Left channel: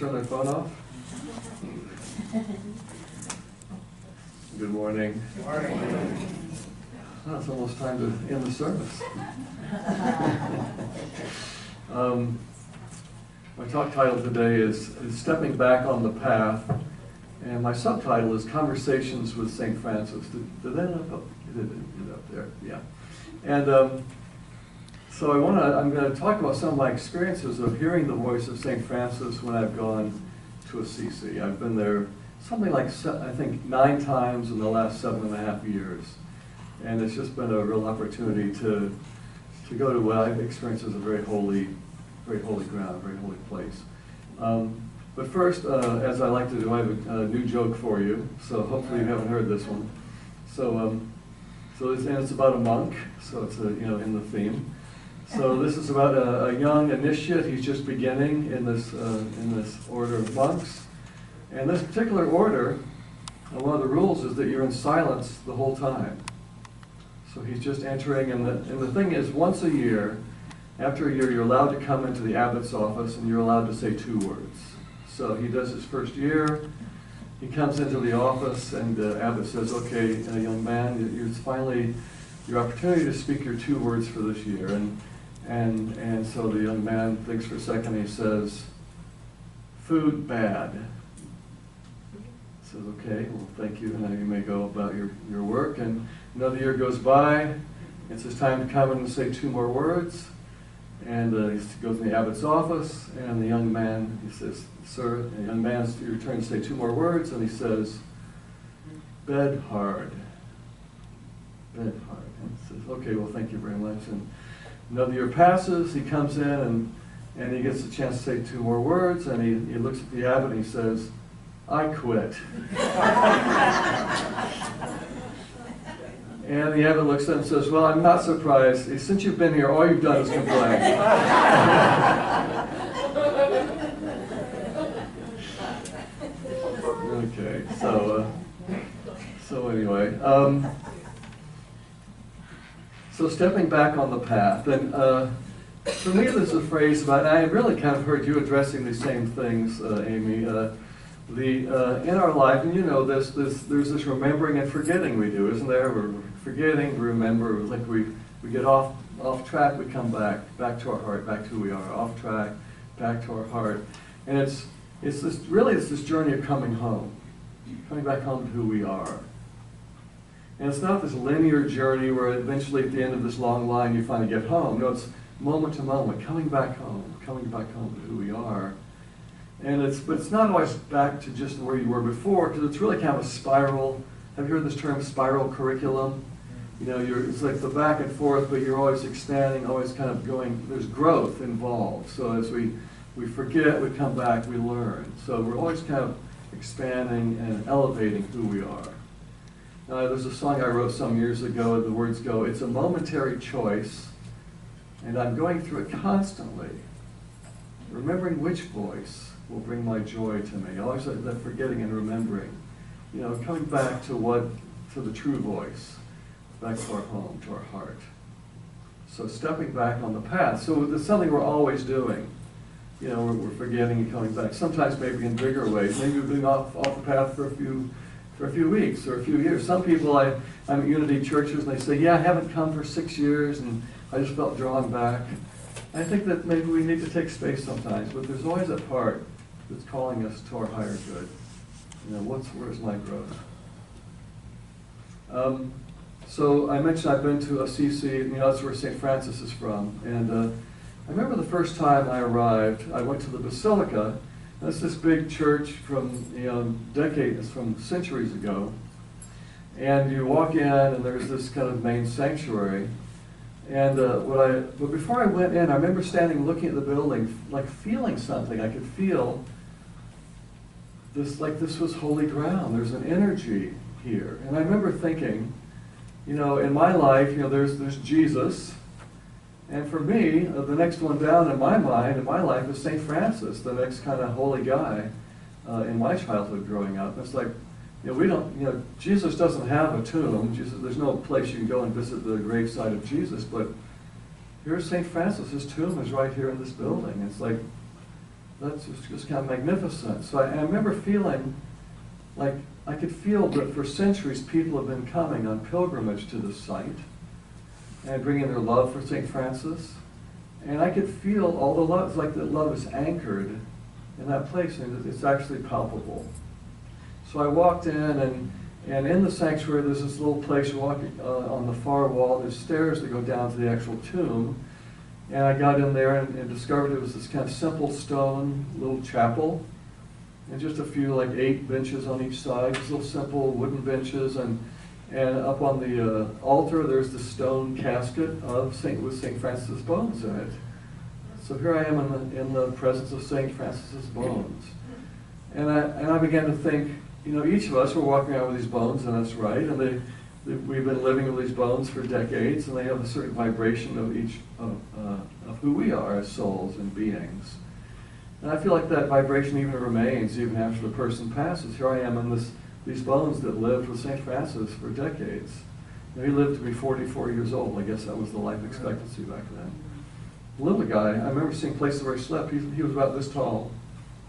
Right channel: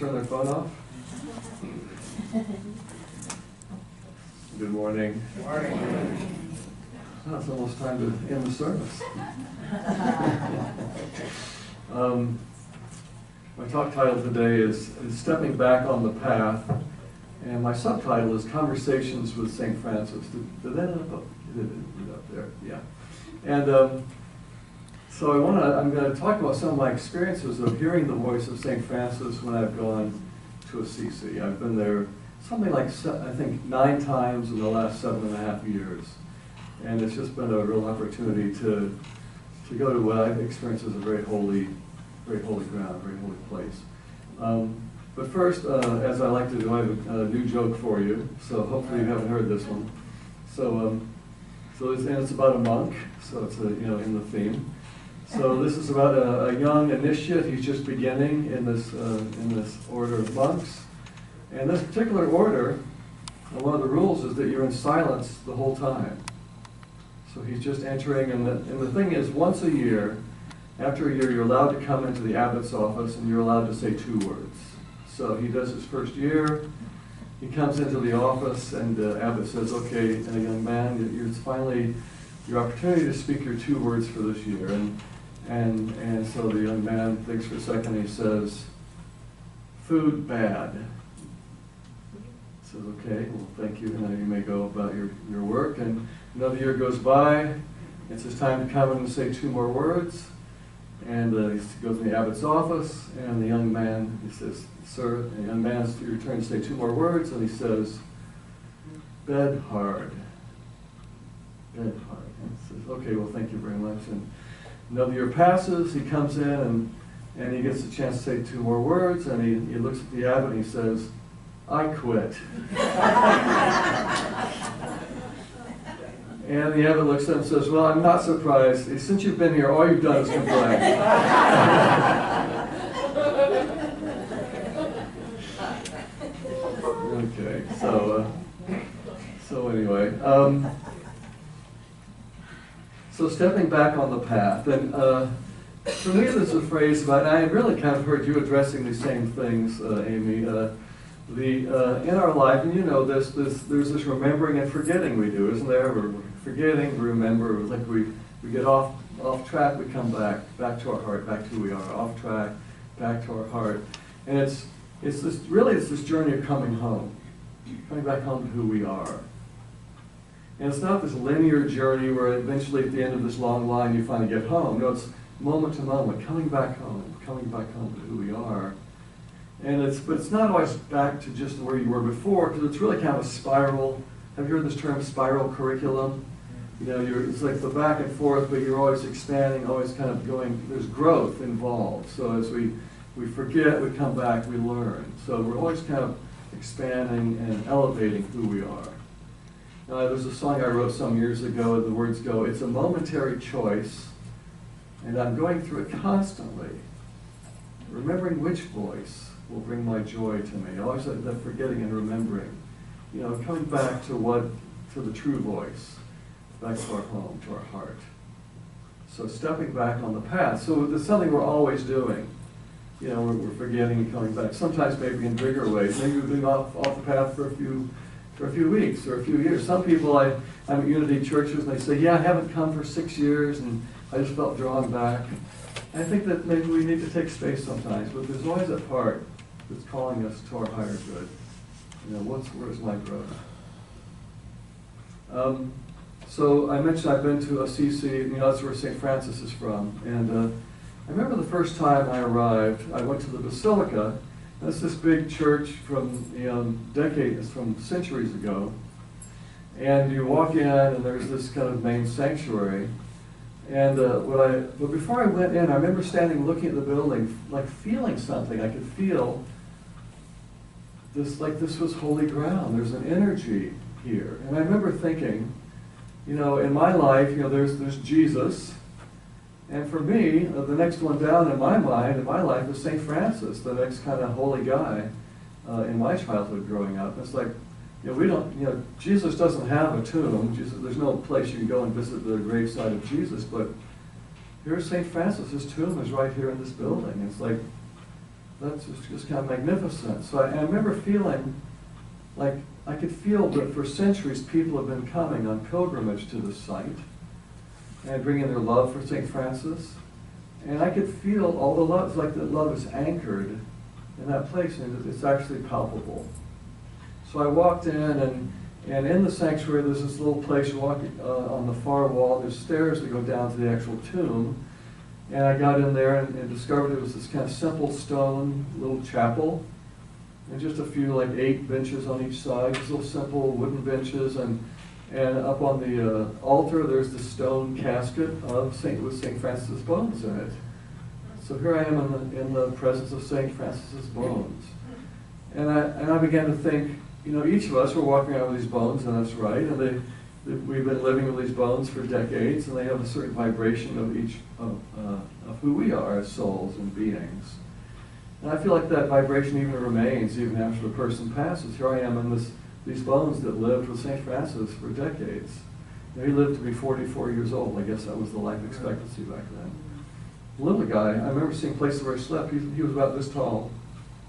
Turn their phone off. Good morning. Good morning. Oh, it's almost time to end the service. My talk title today is Stepping Back on the Path, and my subtitle is Conversations with St. Francis. Did that end up? It ended up there, yeah. And so I'm going to talk about some of my experiences of hearing the voice of St. Francis when I've gone to Assisi. I've been there something like, I think, 9 times in the last 7.5 years. And it's just been a real opportunity to go to what I've experienced as a very holy ground, very holy place. But first, as I like to do, I have a new joke for you. So hopefully you haven't heard this one. And it's about a monk, so it's in the theme. So this is about a young initiate. He's just beginning in this order of monks. And this particular order, one of the rules is that you're in silence the whole time. So he's just entering, and the thing is, once a year, after a year, you're allowed to come into the abbot's office, and you're allowed to say 2 words. So he does his first year. He comes into the office, and the abbot says, "Okay, young man, it's finally your opportunity to speak your 2 words for this year." And so the young man thinks for a second. He says, "Food bad." He says, "Okay, well, thank you. Now you may go about your work." And another year goes by. It's his time to come in and say 2 more words. And he goes to the abbot's office, and the young man, he says, "Sir," the young man, it's your turn to say 2 more words, and he says, "Bed hard." Bed hard. And he says, "Okay, well, thank you very much." And another year passes. He comes in, and he gets a chance to say 2 more words, and he looks at the abbot, and he says, "I quit." And the abbot looks at him and says, "Well, I'm not surprised. Since you've been here, all you've done is complain." Okay, so anyway, so stepping back on the path, and for me, there's a phrase about, and I really kind of heard you addressing these same things, Amy. In our life, and you know this, there's this remembering and forgetting we do, isn't there? We're forgetting, remember, like we get off track, we come back to our heart, back to who we are, off track, back to our heart. And it's this journey of coming home, coming back home to who we are. And it's not this linear journey where eventually at the end of this long line you finally get home. No, it's moment to moment, coming back home to who we are. But it's not always back to just where you were before, because it's really kind of a spiral. Have you heard this term, spiral curriculum? It's like the back and forth, but you're always expanding, always kind of going, there's growth involved. So as we forget, we come back, we learn. So we're always kind of expanding and elevating who we are. There's a song I wrote some years ago, and the words go, "It's a momentary choice, and I'm going through it constantly, remembering which voice will bring my joy to me." Always that forgetting and remembering, coming back to the true voice, back to our home, to our heart. So stepping back on the path. So it's something we're always doing. We're forgetting and coming back. Sometimes maybe in bigger ways. Maybe we've been off the path for a few weeks or a few years. Some people, I'm at Unity churches, and they say, "Yeah, I haven't come for 6 years, and I just felt drawn back." I think that maybe we need to take space sometimes, but there's always that part that's calling us to our higher good. Where's my growth? So I mentioned I've been to Assisi, that's where St. Francis is from. And I remember the first time I arrived, I went to the Basilica. That's this big church from from centuries ago. And you walk in, and there's this kind of main sanctuary. And but before I went in, I remember standing looking at the building, like feeling something. I could feel this, like this was holy ground. There's an energy here. And I remember thinking, in my life, there's Jesus. And for me, the next one down in my mind, in my life, is St. Francis, the next kind of holy guy in my childhood growing up. It's like, Jesus doesn't have a tomb. There's no place you can go and visit the gravesite of Jesus, but here's St. Francis. His tomb is right here in this building. It's like, that's just kind of magnificent. So I remember feeling like I could feel that for centuries people have been coming on pilgrimage to this site and bringing their love for St. Francis. And I could feel all the love, it's like that love is anchored in that place, and it's actually palpable. So I walked in, and in the sanctuary there's this little place you walk on the far wall. There's stairs that go down to the actual tomb. And I got in there and discovered it was this kind of simple stone little chapel, and just a few, like 8 benches on each side, just little simple wooden benches, and up on the altar there's the stone casket with St. Francis' bones in it. So here I am in the presence of St. Francis' bones, and I began to think, each of us were walking around with these bones, and that's right, and we've been living with these bones for decades, and they have a certain vibration of each of who we are as souls and beings. And I feel like that vibration even remains even after the person passes. Here I am in these bones that lived with St. Francis for decades. He lived to be 44 years old. I guess that was the life expectancy back then. Little guy. I remember seeing places where he slept. He was about this tall.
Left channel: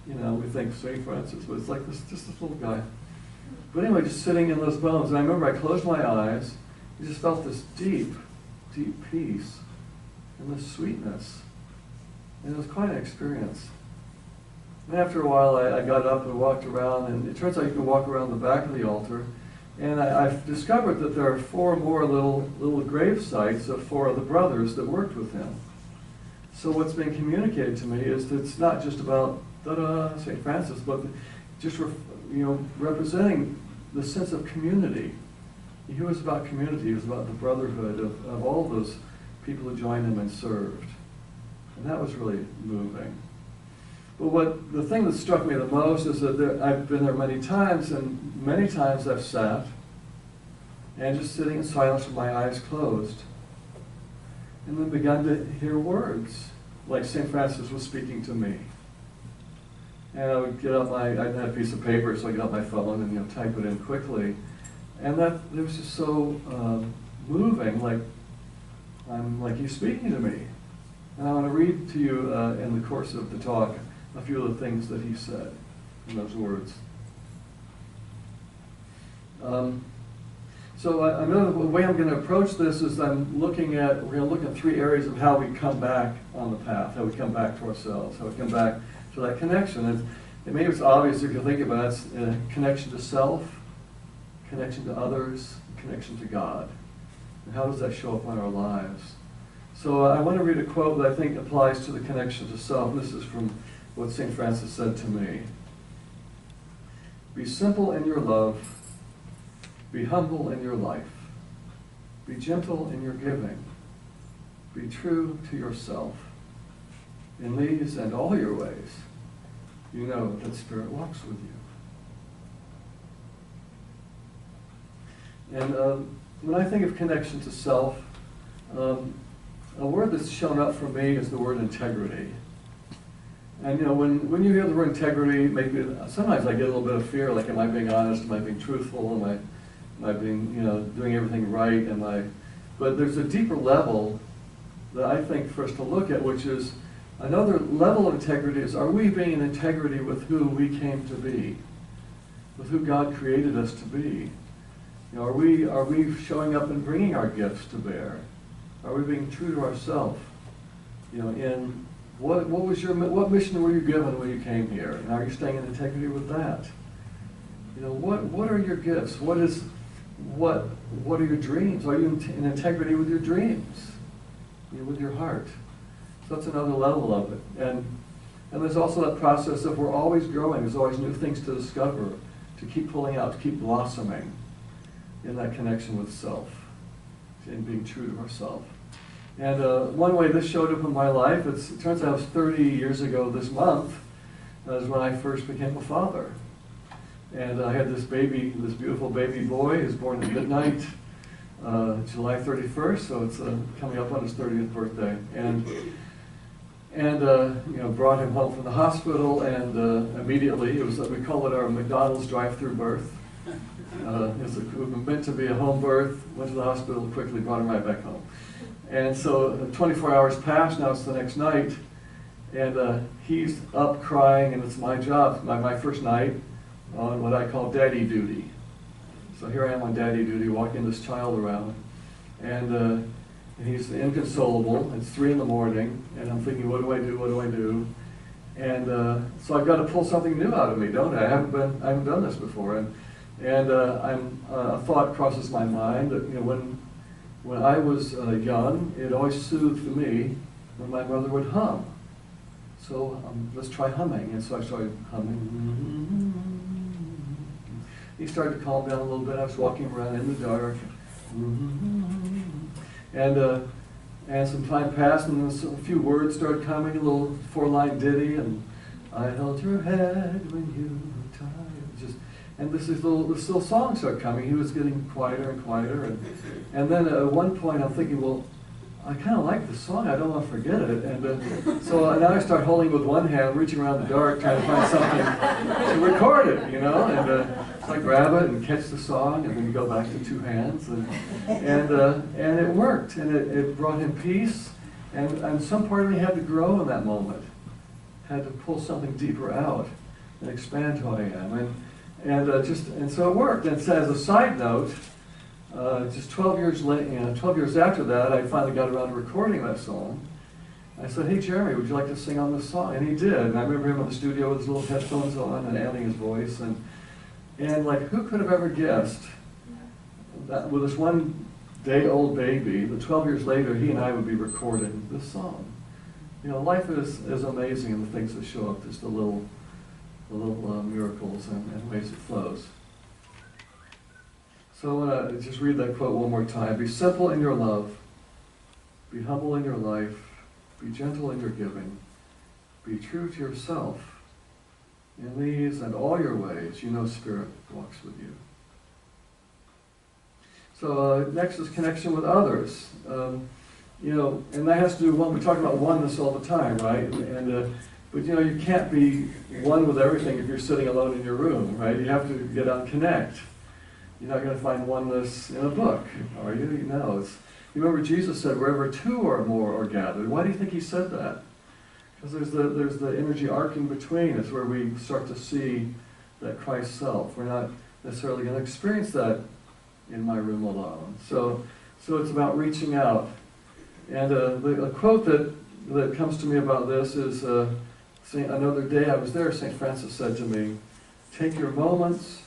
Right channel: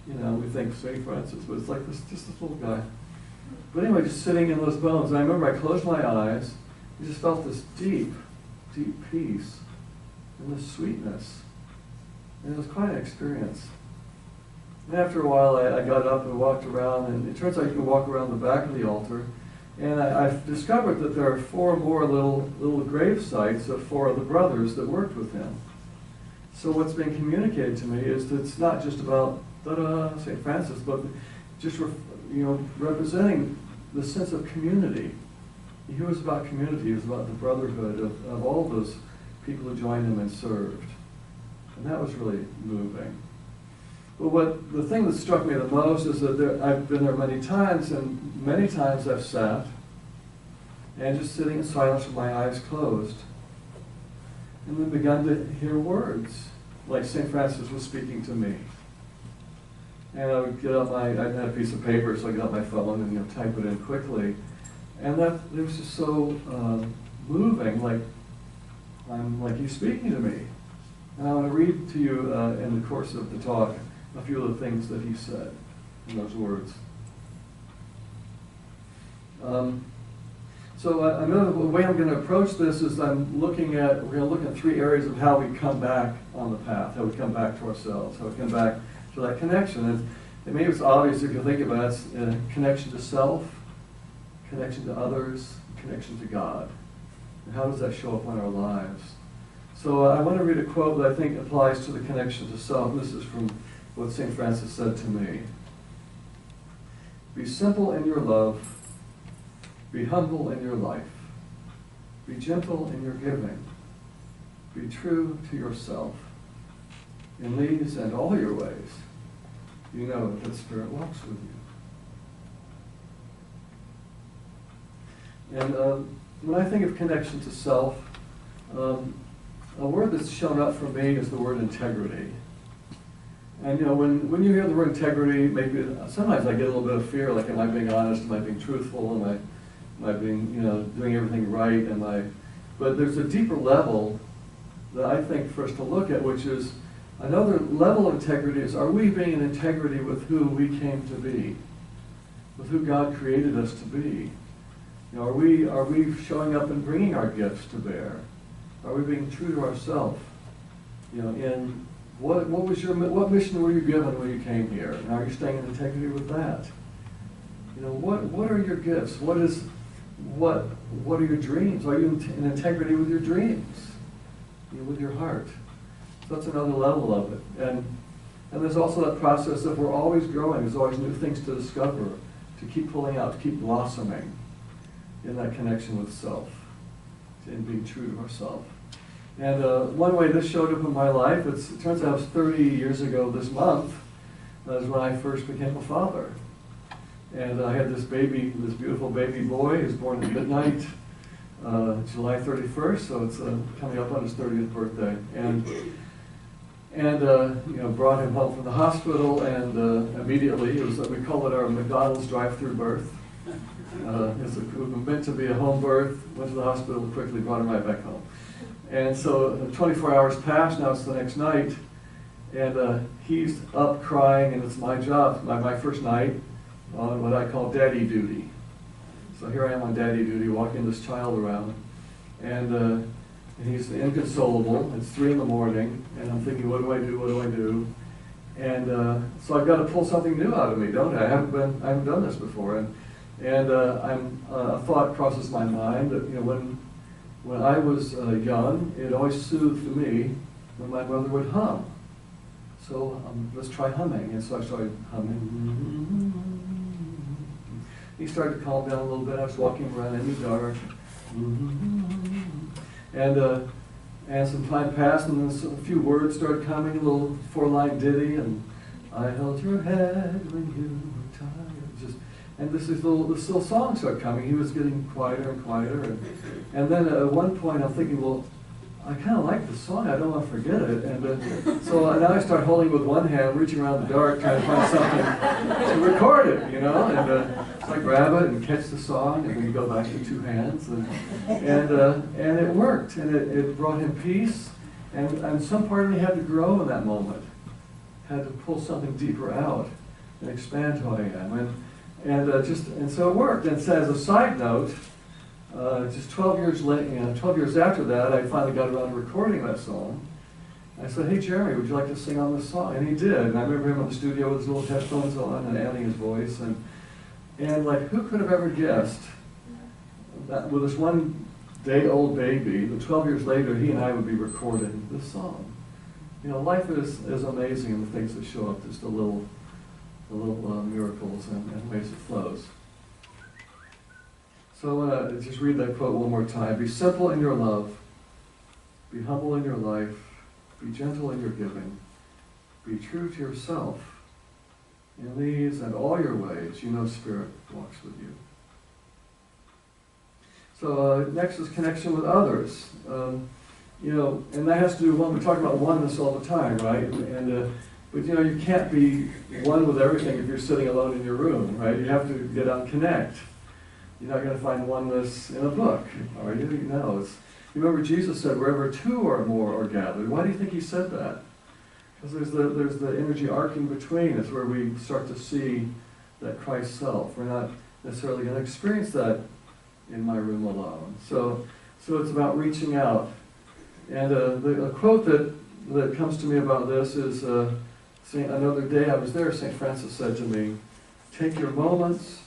We think St. Francis, but it's like just this little guy. But anyway, just sitting in those bones. And I remember I closed my eyes. I just felt this deep, deep peace and this sweetness. And it was quite an experience. And after a while, I got up and walked around, and it turns out you can walk around the back of the altar. And I've discovered that there are 4 more little grave sites of 4 of the brothers that worked with him. So what's being communicated to me is that it's not just about St. Francis, but just representing the sense of community. He was about community. He was about the brotherhood of all those people who joined him and served. And that was really moving. But the thing that struck me the most is that I've been there many times, and many times I've sat and just sitting in silence with my eyes closed, and then begun to hear words like St. Francis was speaking to me. And I would get up I had a piece of paper, so I get out my phone and type it in quickly. And it was just so moving, like he's speaking to me. And I want to read to you in the course of the talk a few of the things that he said in those words. So the way I'm going to approach this is we're going to look at 3 areas of how we come back on the path, how we come back to ourselves, how we come back to that connection. And maybe it's obvious if you think about it, it's a connection to self, connection to others, connection to God. And how does that show up in our lives? So I want to read a quote that I think applies to the connection to self. This is from what St. Francis said to me. Be simple in your love. Be humble in your life. Be gentle in your giving. Be true to yourself. In these and all your ways, you know that Spirit walks with you. And when I think of connection to self, a word that's shown up for me is the word integrity. And when you hear the word integrity, maybe sometimes I get a little bit of fear, like, am I being honest? Am I being truthful? Am I being, doing everything right? But there's a deeper level that I think for us to look at, which is another level of integrity is, are we being in integrity with who we came to be, with who God created us to be? Are we showing up and bringing our gifts to bear? Are we being true to ourselves? In what mission were you given when you came here, and are you staying in integrity with that? What are your gifts? What are your dreams? Are you in integrity with your dreams? With your heart? So that's another level of it. And there's also that process of we're always growing. There's always new things to discover, to keep pulling out, to keep blossoming in that connection with self, in being true to ourselves. And one way this showed up in my life, it turns out it was 30 years ago this month, is when I first became a father. And I had this beautiful baby boy. He was born at midnight, July 31st, so it's coming up on his 30th birthday. And brought him home from the hospital, and immediately, we call it our McDonald's drive-through birth. It was meant to be a home birth, went to the hospital, quickly brought him right back home. And so 24 hours passed, now it's the next night, And he's up crying, and it's my job, my first night on what I call daddy duty. So here I am on daddy duty, walking this child around, and he's inconsolable. It's 3 in the morning, and I'm thinking, what do I do? What do I do? And so I've got to pull something new out of me, don't I? I haven't done this before, and a thought crosses my mind that, you know, when I was young, it always soothed me when my mother would hum. So let's try humming. And so I started humming. He started to calm down a little bit. I was walking around in the dark. And some time passed, and then a few words started coming, a little 4-line ditty, and I held your head when you were tired. And this little song started coming. He was getting quieter and quieter. And then at one point I'm thinking, well, I kind of like this song. I don't want to forget it. And so now I start holding with one hand, reaching around the dark, trying to find something to record it, you know. And so I grab it and catch the song, and then you go back to 2 hands. And it worked. And it brought him peace. And some part of me had to grow in that moment. Had to pull something deeper out and expand who I am. And so it worked. And so as a side note, just 12 years late, 12 years after that, I finally got around to recording that song. I said, "Hey Jeremy, would you like to sing on this song?" And he did. And I remember him in the studio with his little headphones on and adding his voice. And like, who could have ever guessed that with this 1-day-old baby, that 12 years later, he and I would be recording this song? You know, life is amazing in the things that show up, just the little miracles and ways it flows. So I want to just read that quote one more time. Be simple in your love. Be humble in your life. Be gentle in your giving. Be true to yourself. In these and all your ways, you know Spirit walks with you. So next is connection with others. You know, and that has to do with we talk about oneness all the time, right? But you know, you can't be one with everything if you're sitting alone in your room, right? You have to get out and connect. You're not going to find oneness in a book, are you? No. You remember Jesus said, wherever 2 or more are gathered. Why do you think he said that? Because there's the energy arc in between. It's where we start to see that Christ self. We're not necessarily going to experience that in my room alone. So it's about reaching out. And a quote that comes to me about this is, another day I was there, St. Francis said to me, take your moments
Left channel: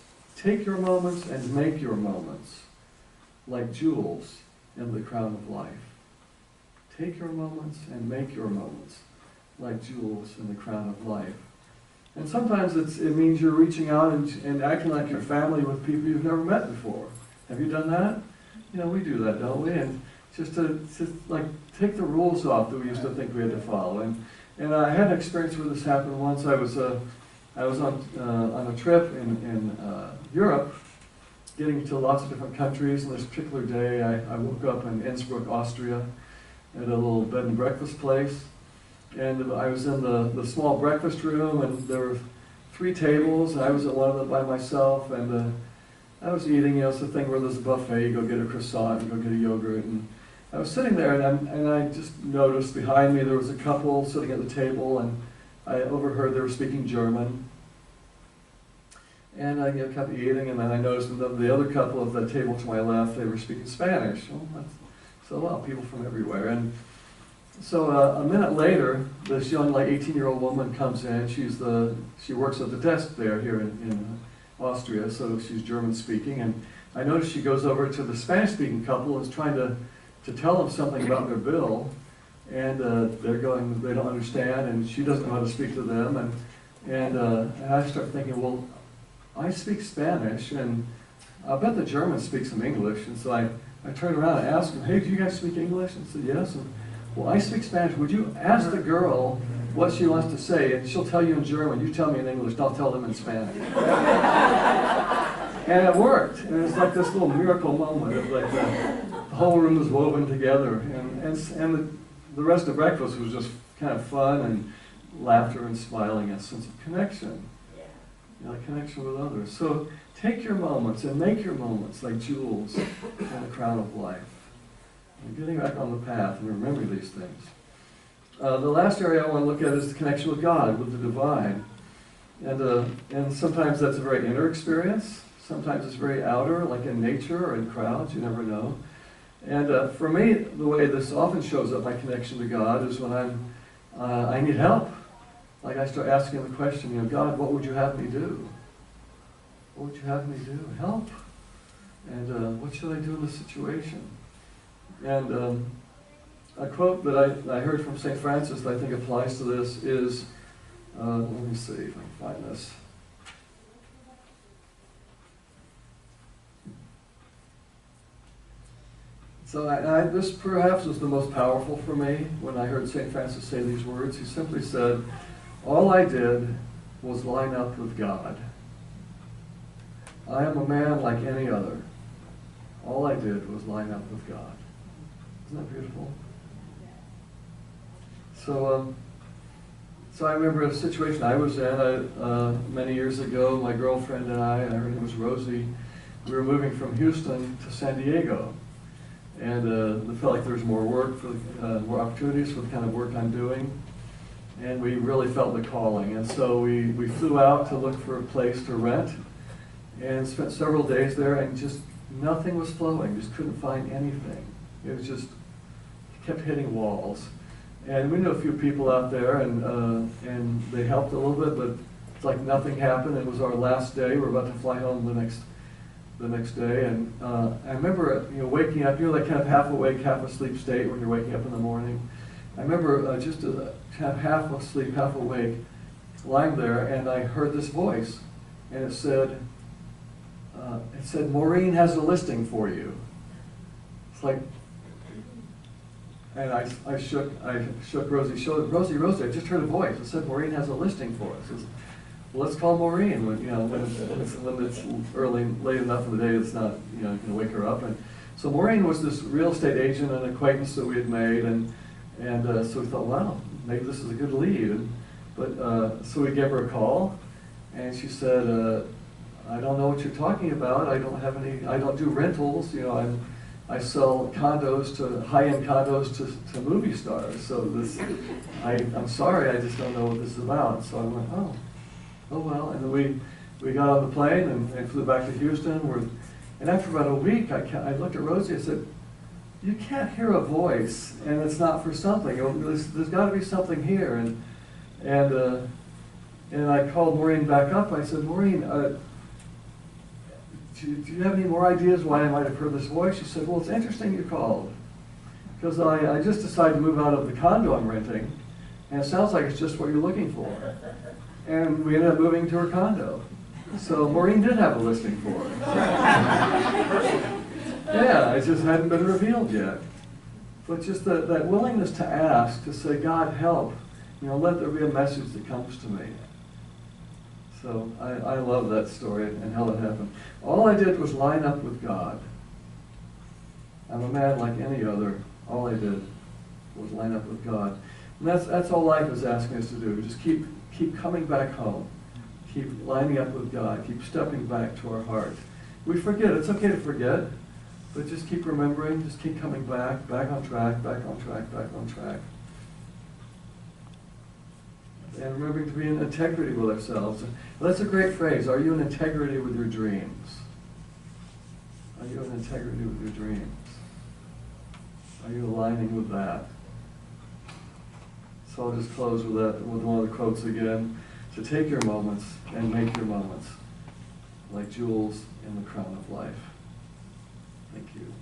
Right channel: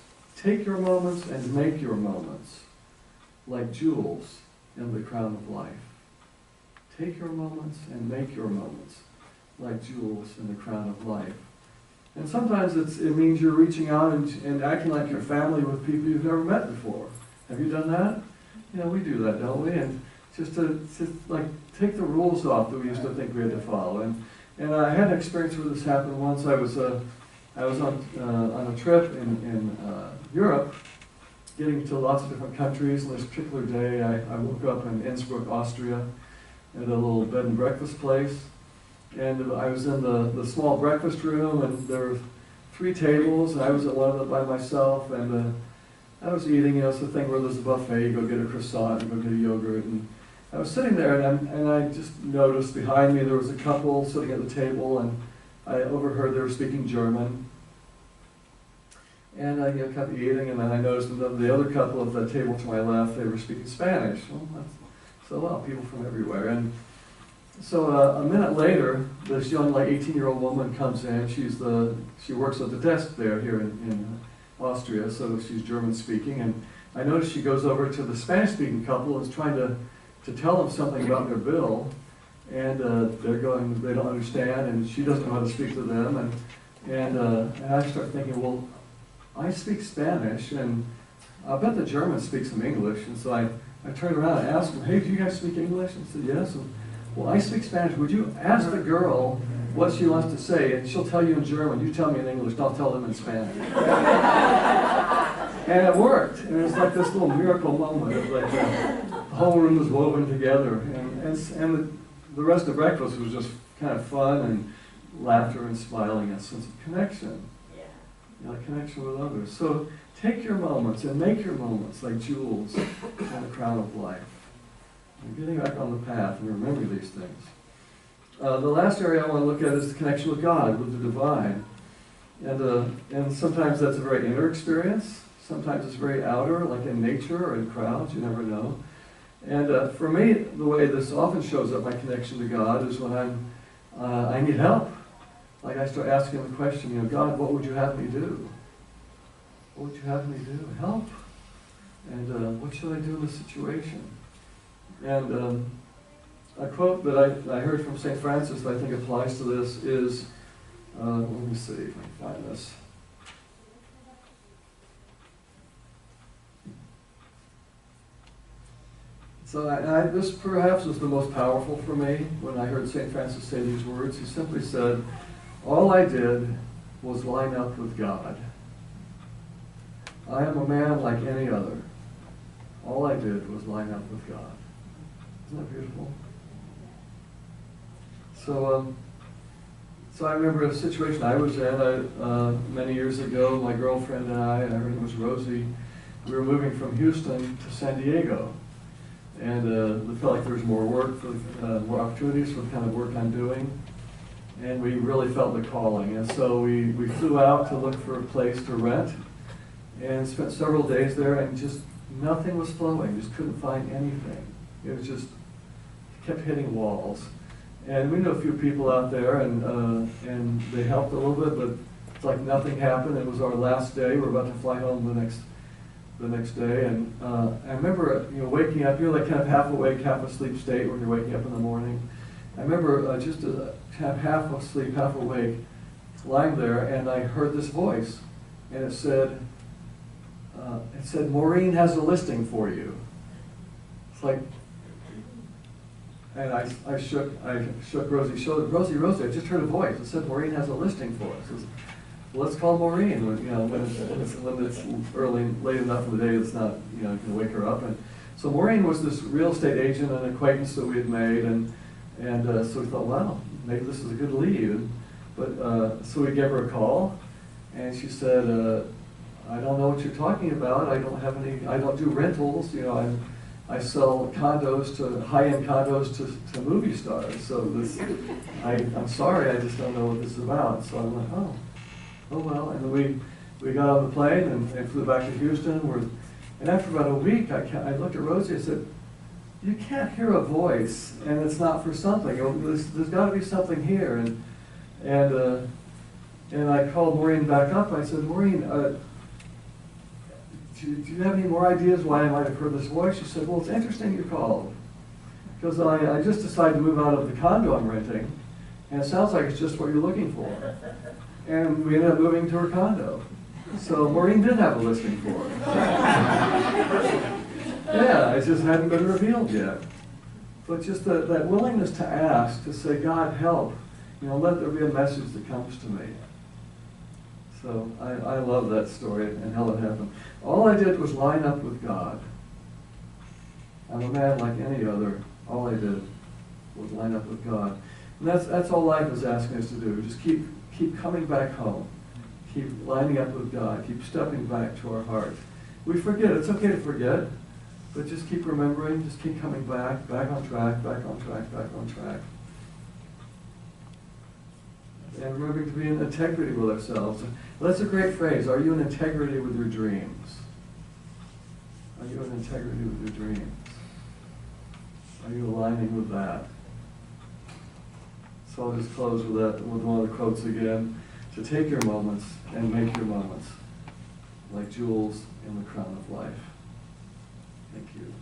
and make your moments like jewels in the crown of life. Take your moments and make your moments like jewels in the crown of life. And sometimes it means you're reaching out and acting like you're family with people you've never met before. Have you done that? You know, we do that, don't we? And just to like take the rules off that we used to think we had to follow. And I had an experience where this happened once. I was on a trip in Europe, getting to lots of different countries. And this particular day, I woke up in Innsbruck, Austria, at a little bed and breakfast place. And I was in the small breakfast room, and there were 3 tables, and I was at one of them by myself, and I was eating. You know, it's the thing where there's a buffet, you go get a croissant, you go get a yogurt, and I was sitting there, and I just noticed behind me there was a couple sitting at the table, and I overheard they were speaking German. And I kept eating, and then I noticed the other couple of the table to my left, they were speaking Spanish. Well, people from everywhere. And so a minute later, this young, like 18-year-old woman comes in. She works at the desk there here in Austria, so she's German speaking. And I noticed she goes over to the Spanish-speaking couple and is trying to tell them something about their bill. And they don't understand, and she doesn't know how to speak to them. And I start thinking, well, I speak Spanish, and I bet the German speaks some English. And so I turned around and asked them, hey, do you guys speak English? And said, yes. And, well, I speak Spanish. Would you ask the girl what she wants to say, and she'll tell you in German. You tell me in English, I'll tell them in Spanish. And it worked. And it was like this little miracle moment. It was like the whole room was woven together. And the rest of breakfast was just kind of fun and laughter and smiling and a sense of connection. You know, connection with others. So take your moments and make your moments like jewels in the crown of life. And getting back on the path and remembering these things. The last area I want to look at is the connection with God, with the divine. And sometimes that's a very inner experience. Sometimes it's very outer, like in nature or in crowds, you never know. And for me, the way this often shows up, my connection to God, is when I need help. Like I start asking the question, God, what would you have me do? What would you have me do? Help. And what should I do in this situation? And a quote that I heard from St. Francis that I think applies to this is, let me see if I can find this. So this perhaps was the most powerful for me when I heard St. Francis say these words. He simply said, all I did was line up with God. I am a man like any other. All I did was line up with God. Isn't that beautiful? So I remember a situation I was in many years ago. My girlfriend and I, her name was Rosie, we were moving from Houston to San Diego. And we felt like there was more work, more opportunities for the kind of work I'm doing. And we really felt the calling. And so we flew out to look for a place to rent and spent several days there, and just nothing was flowing. Just couldn't find anything. It was just, kept hitting walls. And we knew a few people out there, and they helped a little bit, but it's like nothing happened. It was our last day. We were about to fly home the next day, and I remember waking up, like kind of half awake, half asleep state when you're waking up in the morning. I remember just half asleep, half awake, lying there, and I heard this voice, and it said, Maureen has a listing for you. It's like, and I shook Rosie's shoulder. Rosie, I just heard a voice. It said Maureen has a listing for us. Well, let's call Maureen when it's early, late enough in the day. It's not, you can wake her up. And so Maureen was this real estate agent, an acquaintance that we had made, and so we thought, wow, maybe this is a good lead. But so we gave her a call, and she said, I don't know what you're talking about. I don't do rentals. I sell condos high-end condos to movie stars. So I'm sorry, I just don't know what this is about. So I went, oh well. And then we got on the plane and flew back to Houston. And after about a week, I looked at Rosie and said, you can't hear a voice, and it's not for something. There's got to be something here. And I called Maureen back up. I said, Maureen, do you have any more ideas why I might have heard this voice? She said, well, it's interesting you called, because I just decided to move out of the condo I'm renting, and it sounds like it's just what you're looking for. And we ended up moving to her condo. So Maureen did have a listing for her. Yeah, it just hadn't been revealed yet. But just that willingness to ask, to say, God, help. Let there be a message that comes to me. So I love that story and how it happened. All I did was line up with God. I'm a man like any other. All I did was line up with God. And that's all life is asking us to do. Just keep coming back home. Keep lining up with God. Keep stepping back to our heart. We forget. It's okay to forget. But just keep remembering. Just keep coming back on track, back on track, back on track. And remembering to be in integrity with ourselves. Well, that's a great phrase. Are you in integrity with your dreams? Are you in integrity with your dreams? Are you aligning with that? So I'll just close with one of the quotes again. To take your moments and make your moments like jewels in the crown of life. Thank you.